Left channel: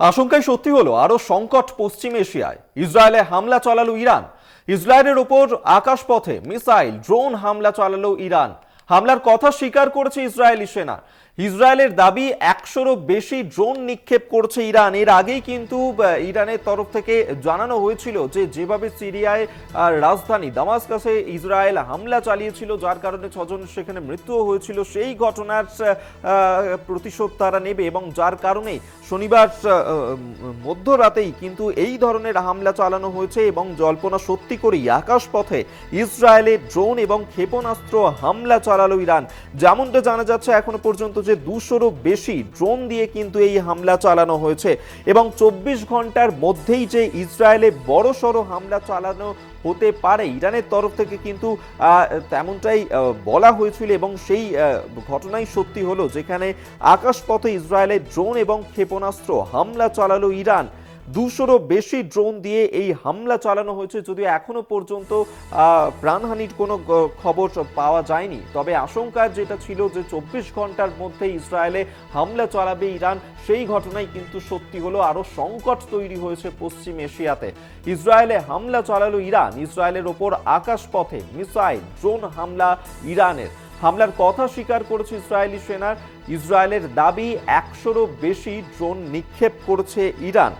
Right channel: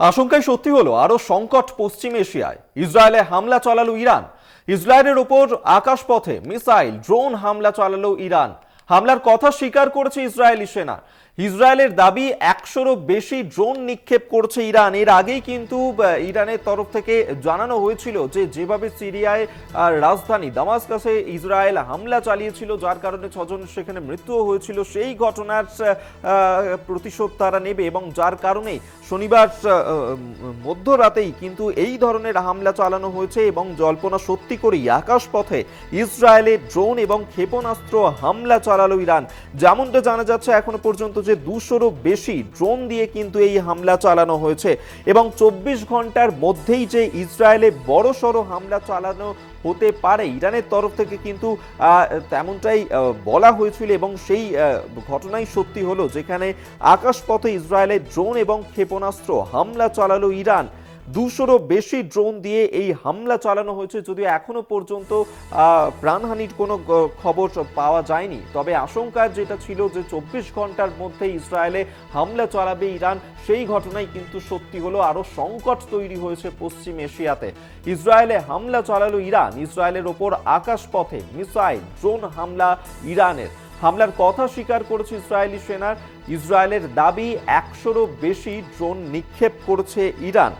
আশঙ্কায় সত্যি হলো আরো সংকট পশ্চিম এশিয়ায়। ইসরায়েলে হামলা চালালো ইরান। ইসরায়েলের ওপর আকাশপথে মিসাইল ড্রোন হামলা চালালো ইরান। হামলার কথা স্বীকার করেছে ইসরায়েলি সেনা। ইসরায়েলের দাবি 100-রও বেশি ড্রোন নিক্ষেপ করেছে ইরান। এর আগেই কিন্তু ইরানের তরফ থেকে জানানো হয়েছিল যে যেভাবে সিরিয়ায় রাজধানী দামাস্কাসে ইসরায়েল হামলা চালিয়েছিল, যার কারণে 6 জন সেখানে মৃত্যুও হয়েছিল, সেই ঘটনার প্রতিশোধ তারা নেবে এবং যার কারণে শনিবার মধ্যরাতেই কিন্তু এই ধরনের হামলা চালানো হয়েছে এবং জল্পনা সত্যি করেই আকাশপথে ইসরায়েলের ড্রোন এবং ক্ষেপণাস্ত্র হামলা চালালো ইরান। যেমনটা জানা যাচ্ছে এখনো পর্যন্ত যে 200-রও বেশি ড্রোন দিয়ে কিন্তু এই হামলা চালানো হয়েছে এবং 24 ঘন্টার মধ্যেই যে ইসরায়েলে বড়সড় হামলা চালানো হতে পারে ইরানের তরফ থেকে কিন্তু তেমনটাই বলা হয়েছিল এবং সেই ঘটনাই সত্যি হলো, যেখানে আকাশপথে ইসরায়েলের ড্রোন এবং ক্ষেপণাস্ত্র হামলা চালালো ইরান। 200-রও বেশি ড্রোন দিয়ে এই হামলা চালানো হয়েছে। যদিও এখনো পর্যন্ত প্রাণহানির কোনো খবর পাওয়া যায়নি, তবে আশঙ্কার যেটা ছিল যে 24 ঘন্টার মধ্যে ইসরায়েলে হামলা চালাবে ইরান, সেই ঘটনাই কিন্তু সত্যি হলো। আরো সংকট তৈরি হয়েছে পশ্চিম এশিয়াতে। ইসরায়েলে হামলা চালালো ইরান। ইসরায়েলের ওপর আকাশপথে মিসাইল ড্রোন হামলা ইরানের। হামলার কথা স্বীকার করেছে ইসরায়েলি সেনা। ইসরায়েলের দাবি 100-রও বেশি ড্রোন নিক্ষেপ করেছে ইরান।